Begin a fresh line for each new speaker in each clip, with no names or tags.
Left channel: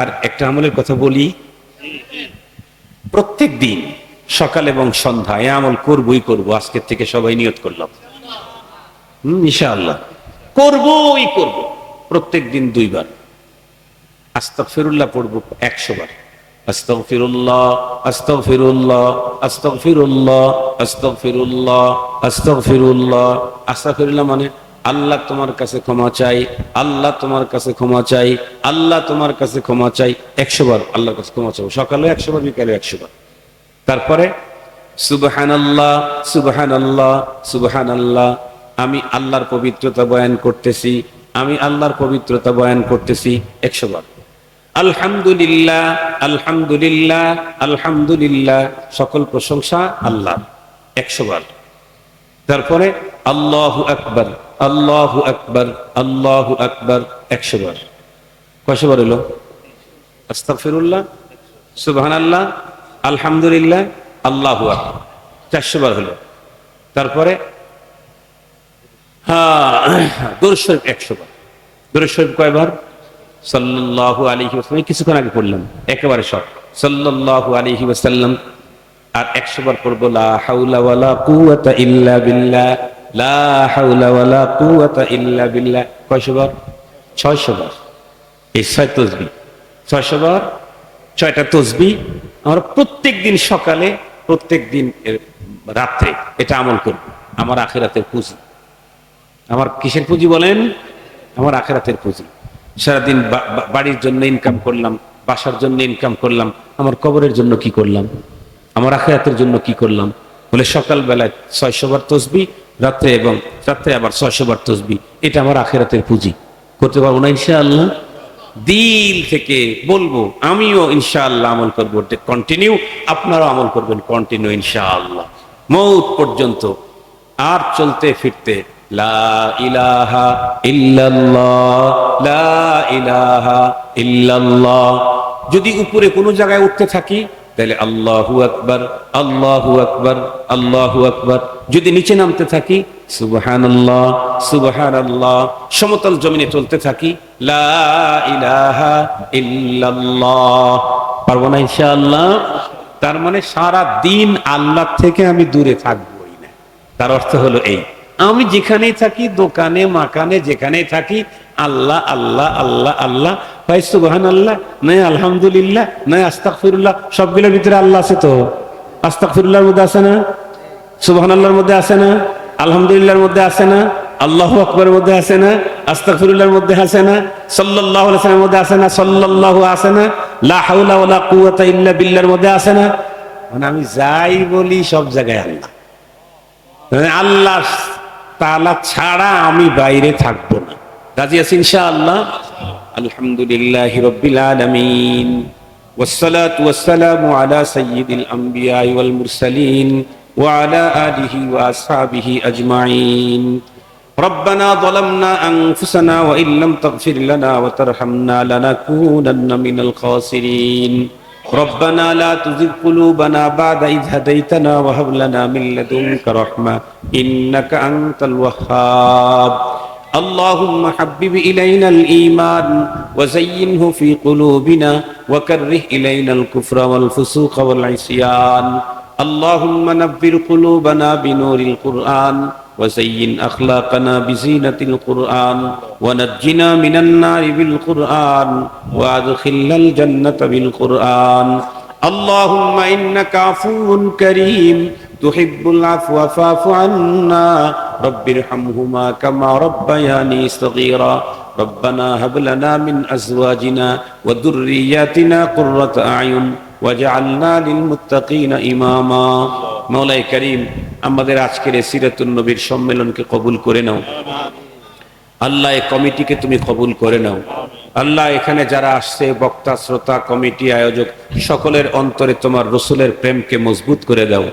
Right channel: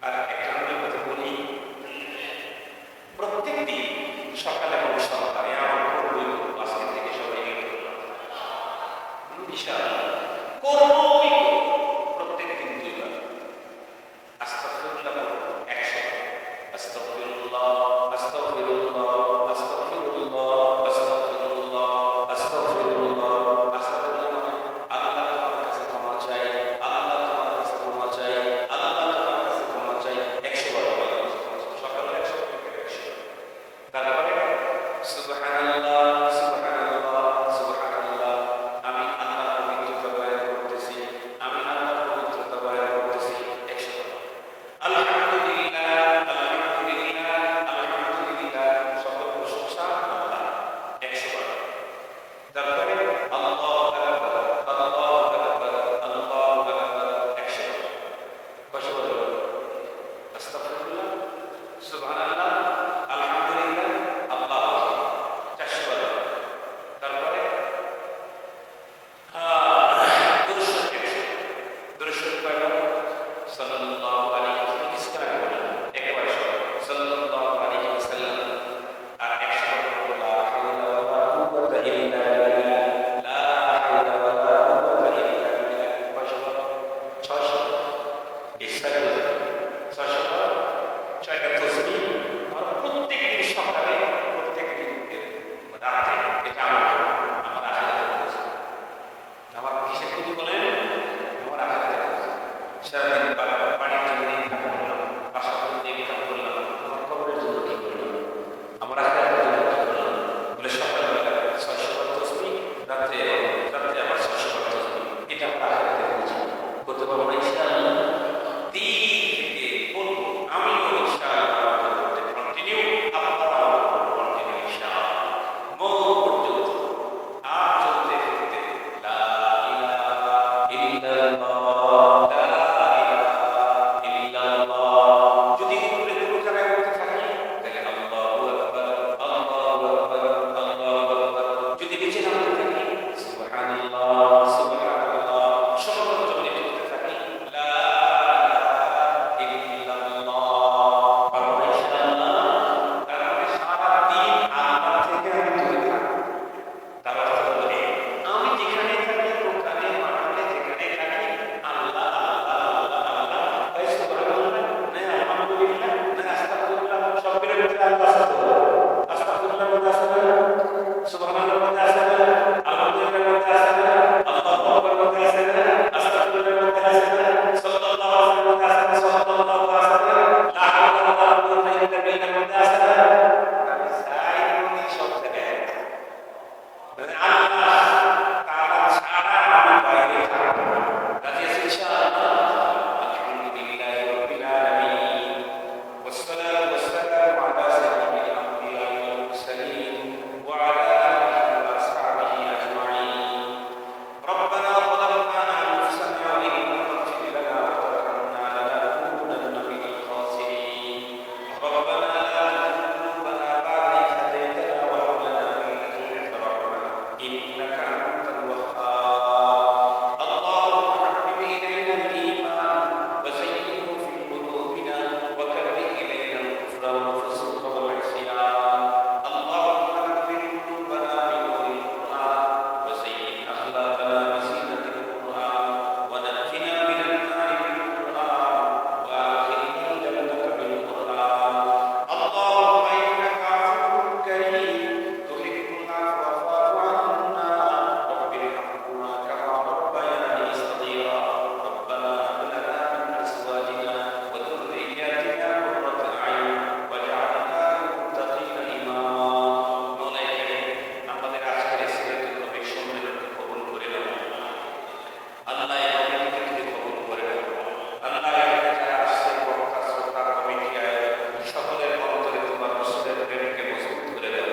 আর একটা আমলের কথা বলি। প্রত্যেক দিন সকাল এবং সন্ধ্যা এ আমল করবই করব, আজকের থেকে সবাই নিয়ত করলাম ইনশাআল্লাহ। করবই করব, প্রত্যেক দিন দুইবার। আস্তা ফিরুল্লাহ পড়ব একশো বার। আস্তাগফিরুল্লাহ আস্তাগফিরুল্লাহ আস্তাগফিরুল্লাহ আস্তাগফিরুল্লাহ আস্তাগফিরুল্লাহ। আস্তাগফিরুল্লাহ মানে আল্লাহ তোমার কাছে ক্ষমা চাই, আল্লাহ তোমার কাছে ক্ষমা চাই, আল্লাহ তোমার কাছে ক্ষমা চাই। একশো বার আল্লাহর কাছে ক্ষমা চাবো। সকালে একশো বার বিকালে একশো বার তারপরে সুবহান আল্লাহ সুবহান আল্লাহ সুবহান আল্লাহ আমি আল্লাহর পবিত্রতা বয়ান করতেছি, আমি আল্লাহর পবিত্রতা বয়ান করতেছি একশো বার আলহামদুলিল্লাহ আলহামদুলিল্লাহ আলহামদুলিল্লাহ। সকল প্রশংসা আল্লাহ একশো বার তারপরে আল্লাহ আকবর আল্লাহ আকবর আল্লাহ আকবর, একশো বার। কয়শো বার হলো আস্তাগফিরুল্লাহ সুবহান আল্লাহ আলহামদুলিল্লাহ, আল্লাহু আকবার। চারশো বার হলো তারপরে হ্যাঁ একশো দরুদ কয়বার? সাল্লাল্লাহু আলাইহি ওয়াসাল্লাম, কিছুক্ষণ আগে পড়লাম, একেবারে সব। সাল্লাল্লাহু আলাইহি ওয়াসাল্লাম, আর একশো বার পড়ব, লা হাওলা ওয়ালা ইল্লা বিল্লাহ। লা হাওলা ওয়ালা কুওয়াতা ইল্লা বিল্লাহ। কয়শো বার? ছয়শো বার। এই ছয় তসবি। ছয়শো বার? ছয়টা তসবি আমরা প্রত্যেক দিন সকালে, প্রত্যেক দিন রাত্রে এটা আমল করব। আমার আখেরাতের পুঁজি। আমার কিসের পুঁজি বলেন? আমার আখেরাতের পুঁজি। সারাদিন বাড়ির জন্য ইনকাম করলাম, বাসার জন্য ইনকাম করলাম, আমার কবরের জন্য কি করলাম? আমার আখেরাতের জন্য কি করলাম? বলে সকালবেলায় ছয়শো বার তসবি, রাত্রে এবং রাত্রে আবার ছয়শো বার তসবি। এটা আমার আখেরাতের পুঁজি। করতে পারব না ইনশাআল্লাহ? দিল থেকে বলব, আমিও ইনশাআল্লাহ আমল করব। কন্টিনিউ আপনারাও আমল করবেন কন্টিনিউ ইনশাআল্লাহ। মৌত পর্যন্ত, আর চলতে ফিরতে, লা ইলাহা লা ইলাহা ইল্লাল্লাহ। যদি উপরে কোনো জায়গায় উঠতে থাকি তাহলে আল্লাহু আকবার আল্লাহু আকবার আল্লাহু আকবার। যদি নিচে নামতে থাকি, সুবহানাল্লাহ সুবহানাল্লাহ, সমতল জমিনে চলতে থাকি ইল্লাল্লাহ। পারব না ইনশাআল্লাহ? তার মানে সারা দিন আল্লাহ থেকে আমি দূরে থাকব। তার অর্থ হলো এই, আমি যেখানেই থাকি, দোকানে, মাকানে, যেখানেই থাকি, আল্লাহ আল্লাহ আল্লাহ আল্লাহ ভাই সুবহান আল্লাহ নয় আলহামদুলিল্লাহ নয় আস্তাকফিরুল্লাহ সবগুলোর ভিতরে আল্লাহ আছে তো? আস্তাকফিরুল্লাহর মধ্যে আছে না? সুবহান আল্লাহর মধ্যে আছে না? আলহামদুলিল্লাহর মধ্যে আছে না? আল্লাহ আকবরের মধ্যে আছে না? আস্তাকফিরুল্লাহর মধ্যে আছে না? সাল্লাল্লাহু আলাইহি ওয়াসাল্লামের মধ্যে আছে না? সাল্লাল্লাহু আছে না? লা হাওলা ওয়ালা কুওয়াতা ইল্লা বিল্লাহর মধ্যে আছে না? মানে আমি যাই বলি সব জায়গায় আল্লাহ। মানে আল্লাহ তালা ছাড়া আমি বাইরে থাকব রাজি আছি ইনশাআল্লাহ আলহামদুলিল্লাহ রব্বিল আলামিন والصلاة والسلام على سيد الأنبياء والمرسلين وعلى آله وأصحابه أجمعين ربنا ظلمنا أنفسنا وإن لم تغفر لنا وترحمنا لنكونن من الخاسرين ربنا لا تزغ قلوبنا بعد إذ هديتنا وهب لنا من لدنك رحمة إنك أنت الوهاب اللهم حبب إلينا الإيمان وزينه في قلوبنا وكره إلينا الكفر والفسوق والعصيان. اللهم نبر قلوبنا بنور القرآن وزين أخلاقنا بزينة القرآن ونجنا من النار بالقرآن وأدخلنا الجنة بالقرآن. اللهم إنك عفو كريم تحب العفو فاعف عنا رب ارحمهما كما ربياني صغيرا ربنا هب لنا من أزواجنا وذرياتنا قرة أعين وجعلنا للمتقين إماما মৌলাই করিম আমাদের আজকের এই সিরাতুন নবীর সম্মেলনকে কবুল করে নাও আল্লাহ এই কমিটিকে তুমি কবুল করে নাও আল্লাহ এখানে যারা আসছে বক্তা শ্রোতা কমিটি আয়োজক সকলের অন্তরে তোমার রসুলের প্রেমকে মজবুত করে দাও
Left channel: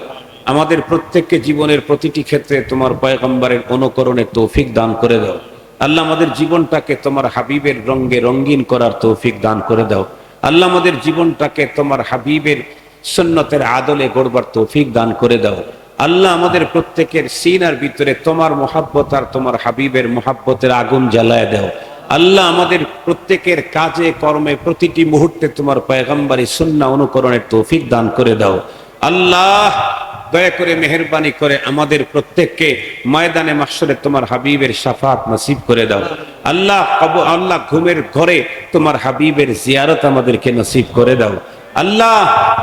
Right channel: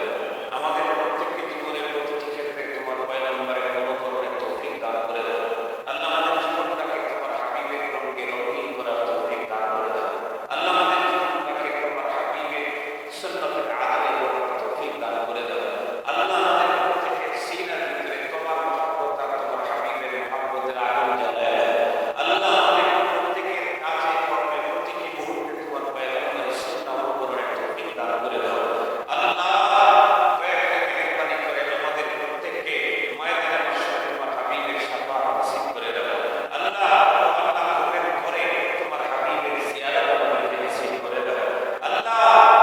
আমাদের প্রত্যেককে জীবনের প্রতিটি ক্ষেত্রে তোমার পয়গম্বরের অনুকরণে তৌফিক দান করে দাও। আল্লাহ আমাদের জীবনটাকে তোমার হাবিবের রঙ্গে রঙ্গিন করার তৌফিক দান করে দাও। আল্লাহ আমাদের জীবনটাকে তোমার হাবিবের সুন্নতের আদলে গড়বার তৌফিক দান করে দাও। আল্লাহ আমাদের প্রত্যেকের সিনার ভিতরে তোমার মহাব্বত আর তোমার হাবিবের মহাব্বতের আগুন জ্বালায় দাও। আল্লাহ আমাদের প্রত্যেকের কাজে, কর্মে প্রতিটি মুহূর্তে তোমার পয়গম্বরী সুন্না অনুকরণের তৌফিক দান করে দাও। আল্লাহ দয়া করে মেহরবানি করে আমাদের প্রত্যেককে ময়দানে মাসরে তোমার হাবিবের সাফাত নসিব করে দাও। আল্লাহ কব আল্লাহ ঘুমের ঘরে তোমার হাবিবের জিয়ারত আমাদেরকে নসিব করে দাও। আল্লাহ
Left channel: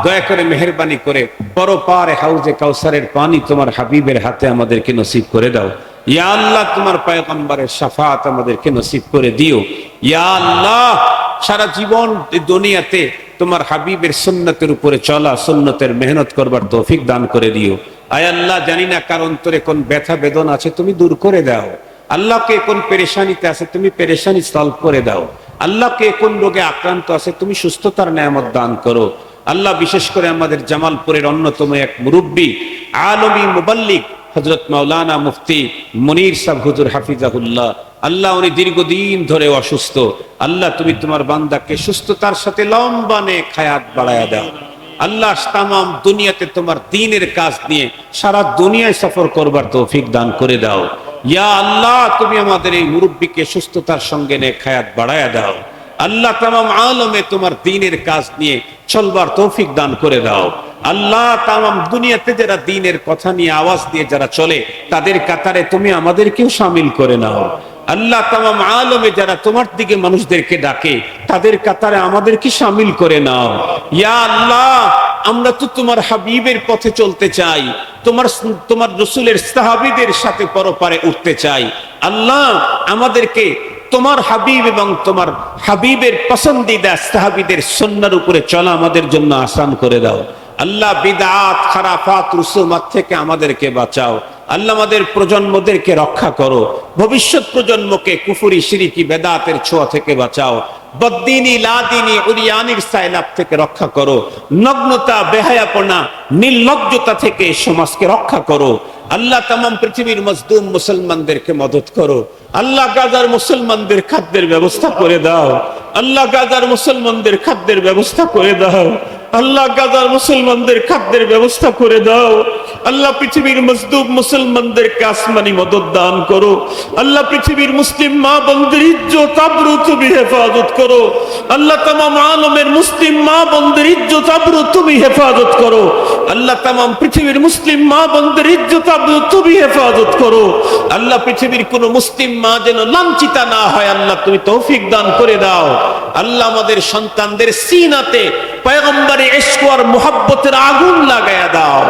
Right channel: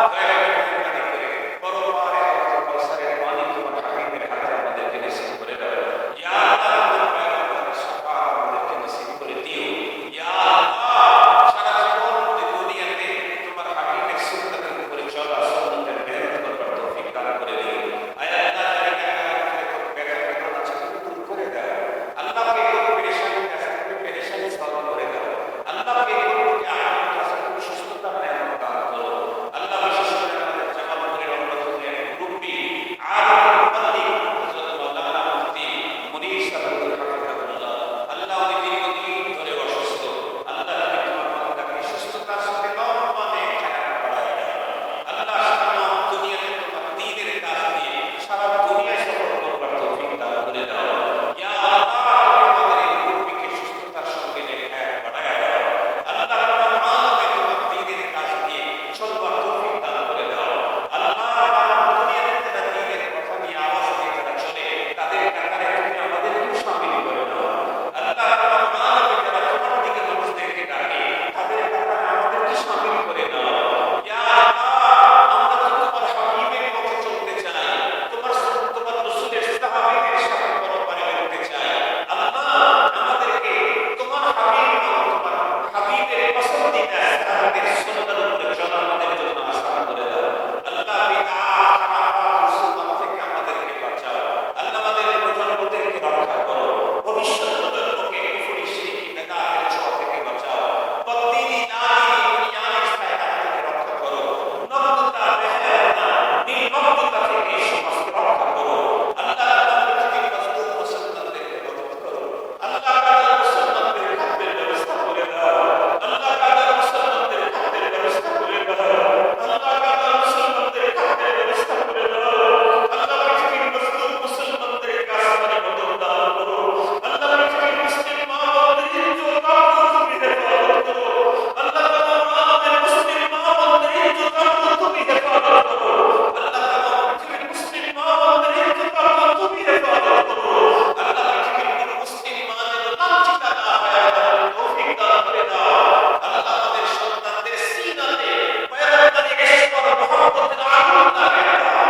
দয়া করে মেহরবানি করে বড় পরপারে হাউজে কাউসারের পানি তোমার হাবিবের হাতে আমাদেরকে নসিব করে দাও। ইয়া আল্লাহ তোমার পয়গম্বরের সাফাত আমাদেরকে নসিব করে দিও। ইয়া আল্লাহ সারা জীবন দুনিয়াতে তোমার হাবিবের সুন্নতের উপরে চলা, সুন্নতের মেহনত করবার তৌফিক দান করে দিও। আয় আল্লাহ, জানি না কার অন্তরে কোন ব্যথা বেদনা আছে, তুমি দূর করে দাও। আল্লাহকে কোন পেরেশানিতে আছে, তুমি পেরেশানি সলভ করে দাও। আল্লাহকে কোন রোগে আক্রান্ত আছে, তুমি সুস্থতার নিয়ামত দান করো। আল্লাহ বিশেষ করে আমাদের জামালপুরের অন্যতম এক মুরব্বী, আলমী মুবাল্লিক হজরত মাওলানা মুফতি মনির সাহ হুজুর হাফিজাহুল্লাহ। আল্লাহ উনি দীর্ঘদিন ধরে অসুস্থ। আল্লাহ তুমি তোমার বান্দাকে সুস্থতার সাথে লম্বা নে খায়াত বাড়ায়া দাও। আল্লাহ তামাম দুনিয়াতে তোমার দিনের কাজ নিয়ে সারা দুনিয়ায় সফর করবার তৌফিক দান করে দাও। ইয়া আল্লাহ, তুমি আমাদের এই মুরব্বীকে সুস্থতার সঙ্গে নে খায়াত বাড়ায়া দাও। আল্লাহ তামাম আলমে তোমার দিনের কাজ নিয়ে চলবার তৌফিক দান করে দাও। আল্লাহ তামাম দুনিয়াতে যারা দিনের কথা নিয়ে আওয়াজ দিয়ে যারা চলে, তাদের কাতারে তুমি আমাদেরকেও সামিল করে নাও। আল্লাহ তামাম আলমে যারা তোমার দিকে মানুষদেরকে ডাকে, তাদের কাতারে আমাদেরকে সামিল করে নাও। ইয়া আল্লাহ, আমরা তো তোমার হাবিবের পথে চলতে চাই, তোমার তোমার রসুলের সাহাবিদের সাথে পরপারে উঠতে চাই। আল্লাহ, আমাদেরকে তোমার হাবিব এবং তোমার হাবিবের পসন্দিদা সাহাবিদের সন্ন্যার উপরে চলা আমাদের জন্য আসান করে দাও। আল্লাহ, বিদাত, খারাফাত রুসুমাত থেকে আমাদেরকে বাঁচাও। আল্লাহ আমাদের প্রজন্মদেরকে রক্ষা করো। ভবিষ্যৎ প্রজন্মকে কুফুরি, সিরিকি, বেদাতের ছোঁয়া থেকে বাঁচাও। বদ্দিনী, লাদিনী উরিয়ানির সাইলাপ থেকে রক্ষা করো। নগ্নতা, বেহায়াপনা, নির্লজ্জতা থেকে সমাজকে রক্ষা করো। আল্লাহ তামাম পৃথিবীর মজদুম মুসলমানদেরকে মদত করো। আল্লাহ গাজার মুসলমানদের খাদ্যের ব্যবস্থা করে দাও। আল্লাহ গাজার মুসলমানদের খাদ্যের ব্যবস্থা করে দাও। আল্লাহ গাজার মুসলমানদের খাদ্যের ব্যবস্থা করে দাও। আল্লাহ পৃথিবীর মজদুব মুসলমানদেরকে আসমানি মদত দান করো। আল্লাহ পৃথিবীর মুসলিম মা বন্ধের ইজ্জত তুমি হেফাজত করো। আল্লাহ তামাম আলমের মুসলিম মা বন্ধের ইজ্জত তুমি হেফাজত করো। আল্লাহ তামাম পৃথিবীর মুসলিম মা বন্ধের ইজ্জত তুমি হেফাজত করো। আল্লাহ পৃথিবীর কোন মুসলিম মা যেন লাঞ্ছিতা না হয়, আল্লাহ তুমি তৌফিক দান করে দাও। আল্লাহ আমাদের সন্তানদের সিনাতে, পয়গম্বরে এসকোয়ার মোহাব্বতের আগুন লাগায়া দাও।